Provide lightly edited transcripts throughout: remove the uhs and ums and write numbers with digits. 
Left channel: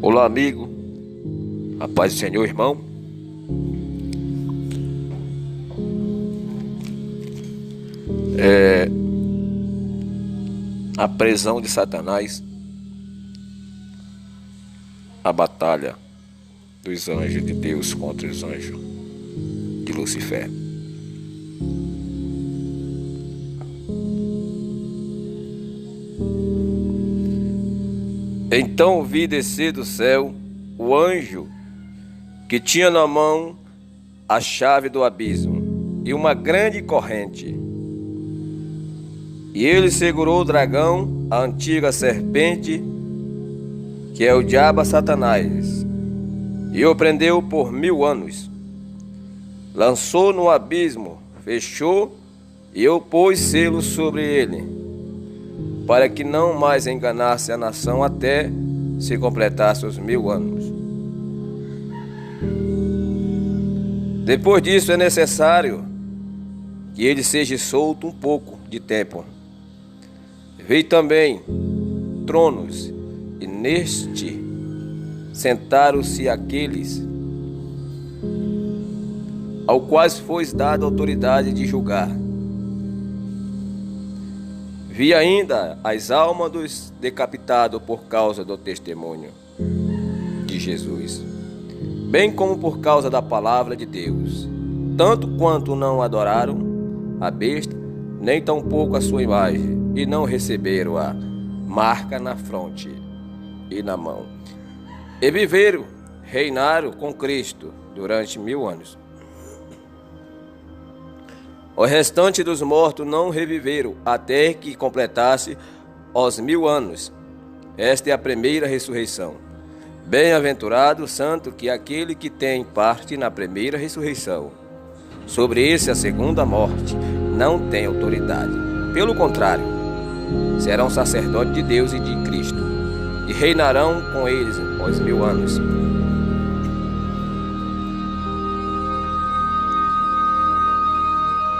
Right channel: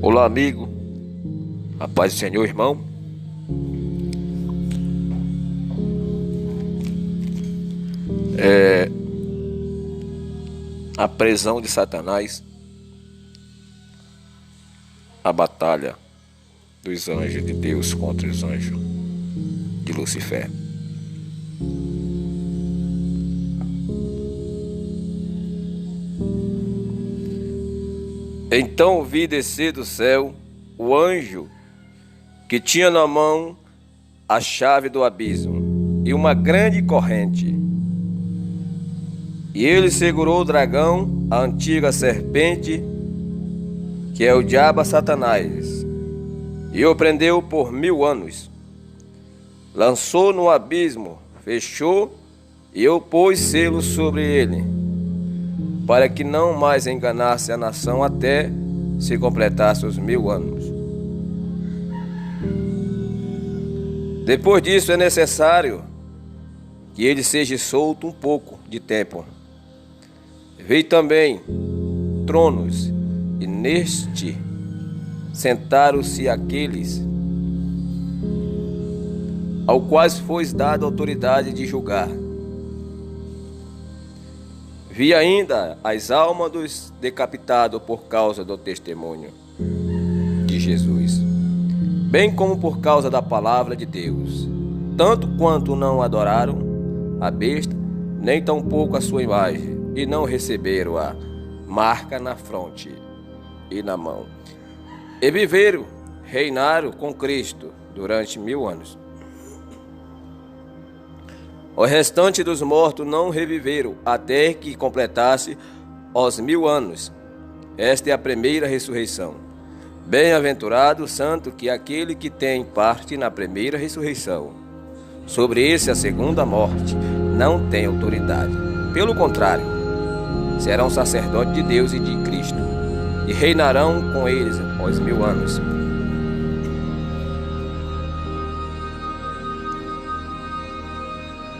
Olá, amigo. A paz do Senhor, irmão. A prisão de Satanás, a batalha dos anjos de Deus contra os anjos de Lucifer. Então vi descer do céu o anjo que tinha na mão a chave do abismo e uma grande corrente. E ele segurou o dragão, a antiga serpente, que é o diabo Satanás, e o prendeu por 1000 anos. Lançou no abismo, fechou e eu pôs selo sobre ele, para que não mais enganasse a nação até se completasse os 1000 anos. Depois disso é necessário que ele seja solto um pouco de tempo. Vi também tronos, e neste sentaram-se aqueles ao quais foi dada autoridade de julgar. Vi ainda as almas dos decapitados por causa do testemunho de Jesus, bem como por causa da palavra de Deus, tanto quanto não adoraram a besta, nem tampouco a sua imagem, e não receberam a marca na fronte e na mão. E viveram, reinaram com Cristo durante 1000 anos. O restante dos mortos não reviveram até que completasse os 1000 anos. Esta é a primeira ressurreição. Bem-aventurado o santo que aquele que tem parte na primeira ressurreição. Sobre esse a segunda morte não tem autoridade. Pelo contrário, serão sacerdotes de Deus e de Cristo, e reinarão com eles os 1000 anos.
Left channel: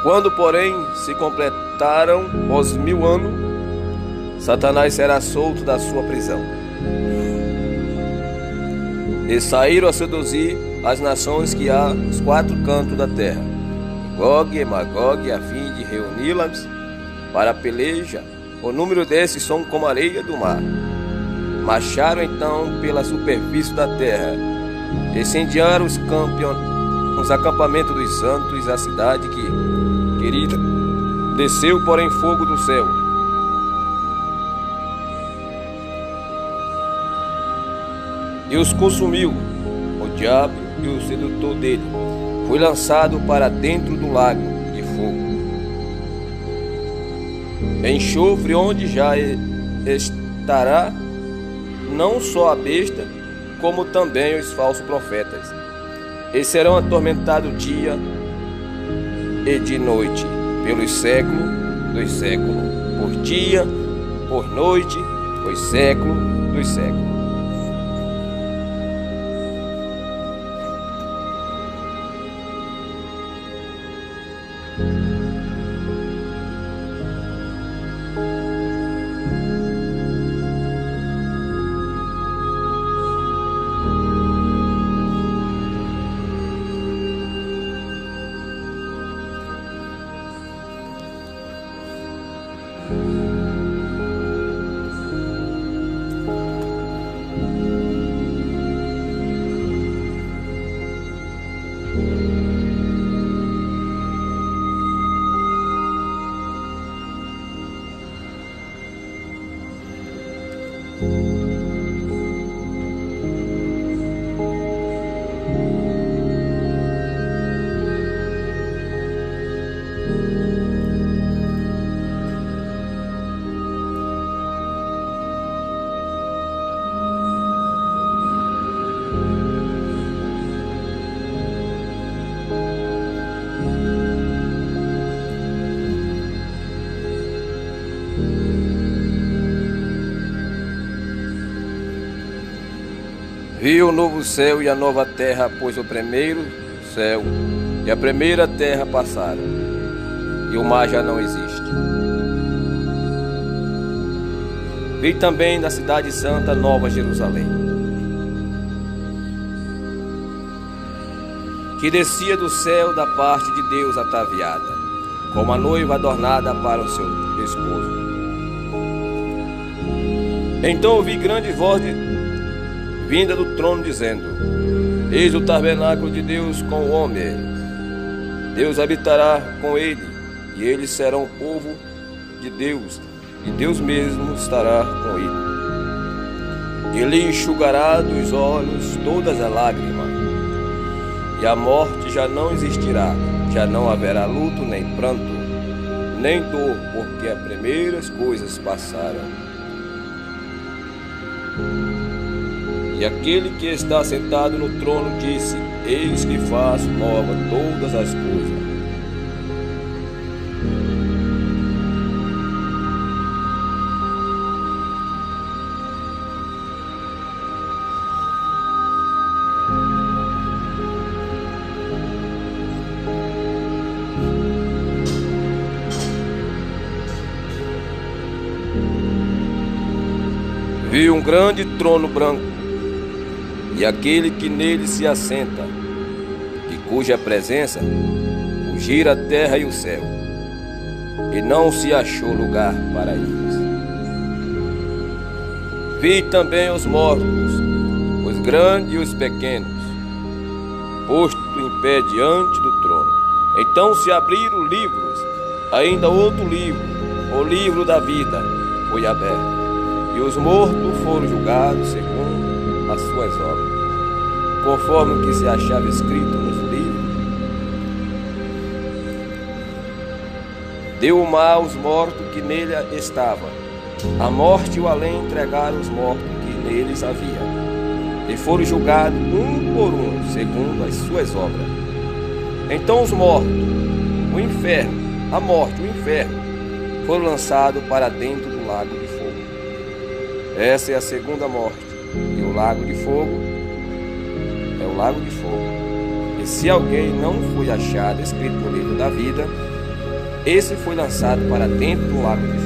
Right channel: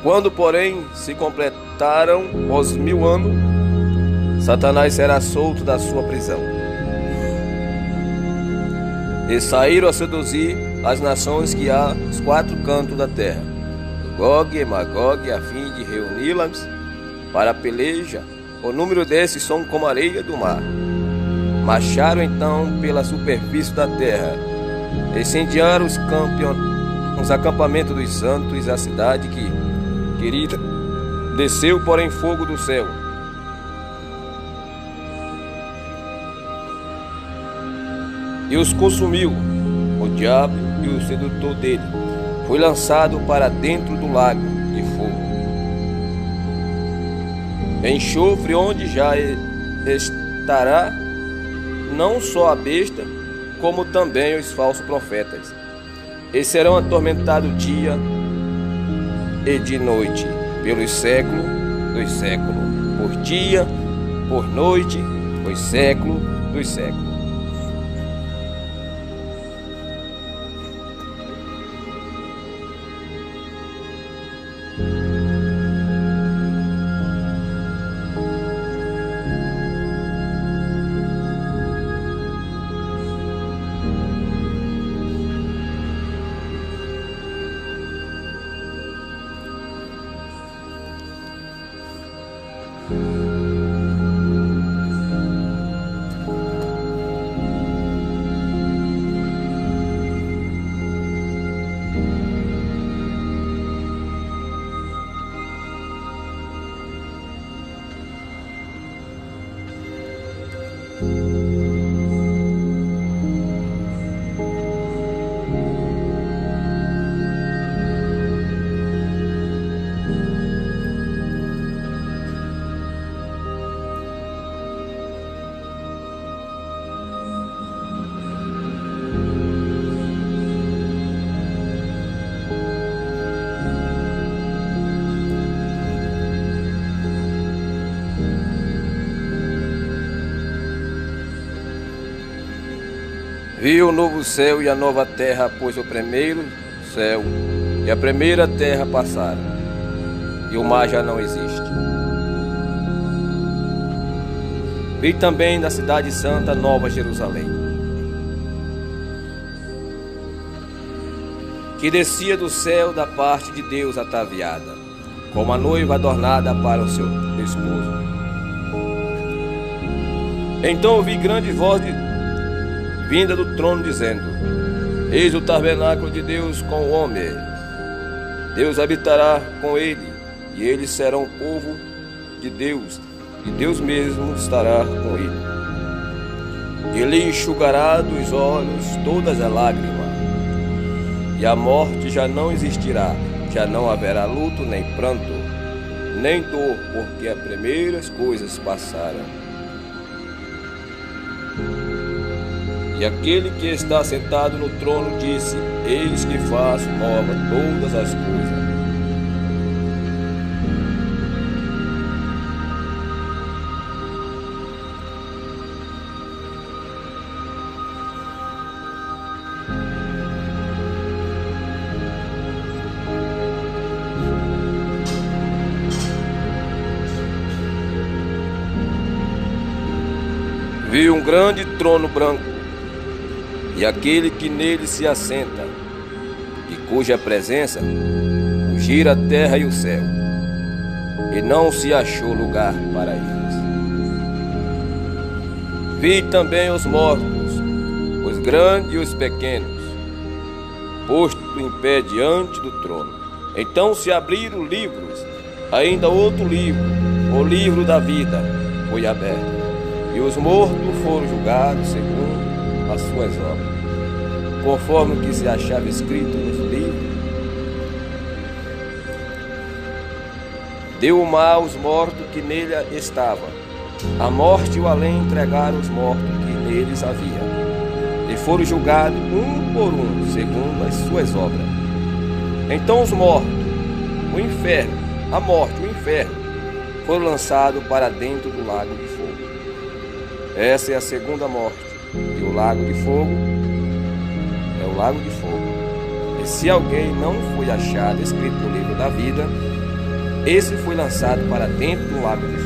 Quando, porém, se completaram os 1000 anos, Satanás será solto da sua prisão. E saíram a seduzir as nações que há nos 4 cantos da terra, Gog e Magog, a fim de reuni-las para a peleja. O número desses são como a areia do mar. Marcharam então pela superfície da terra, incendiaram os acampamentos dos santos, a cidade querida desceu, porém, fogo do céu. E os consumiu. O diabo e o sedutor dele foi lançado para dentro do lago de fogo, enxofre, onde já estará não só a besta, como também os falsos profetas. E serão atormentados dia e de noite, pelos séculos dos séculos, por dia, por noite, os séculos dos séculos. Vi o novo céu e a nova terra, pois o primeiro céu e a primeira terra passaram, e o mar já não existe. Vi também na cidade santa Nova Jerusalém, que descia do céu da parte de Deus ataviada, como a noiva adornada para o seu esposo. Então ouvi grande voz vinda do trono dizendo: Eis o tabernáculo de Deus com o homem. Deus habitará com ele, e eles serão o povo de Deus, e Deus mesmo estará com ele. Ele enxugará dos olhos todas as lágrimas, e a morte já não existirá, já não haverá luto, nem pranto, nem dor, porque as primeiras coisas passaram. E aquele que está sentado no trono disse: Eis que faço nova todas as coisas. Vi um grande trono branco, e aquele que nele se assenta, e cuja presença fugira a terra e o céu, e não se achou lugar para eles. Vi também os mortos, os grandes e os pequenos, posto em pé diante do trono. Então se abriram livros, ainda outro livro, o livro da vida, foi aberto. E os mortos foram julgados segundo as suas obras, conforme o que se achava escrito nos livros. Deu o mar aos mortos que nele estavam. A morte e o além entregaram os mortos que neles havia. E foram julgados um por um, segundo as suas obras. Então os mortos, o inferno, a morte, o inferno, foram lançados para dentro do lago de fogo. Essa é a segunda morte, e o lago de fogo é o lago de fogo. E se alguém não foi achado escrito no livro da vida, esse foi lançado para dentro do lago de fogo.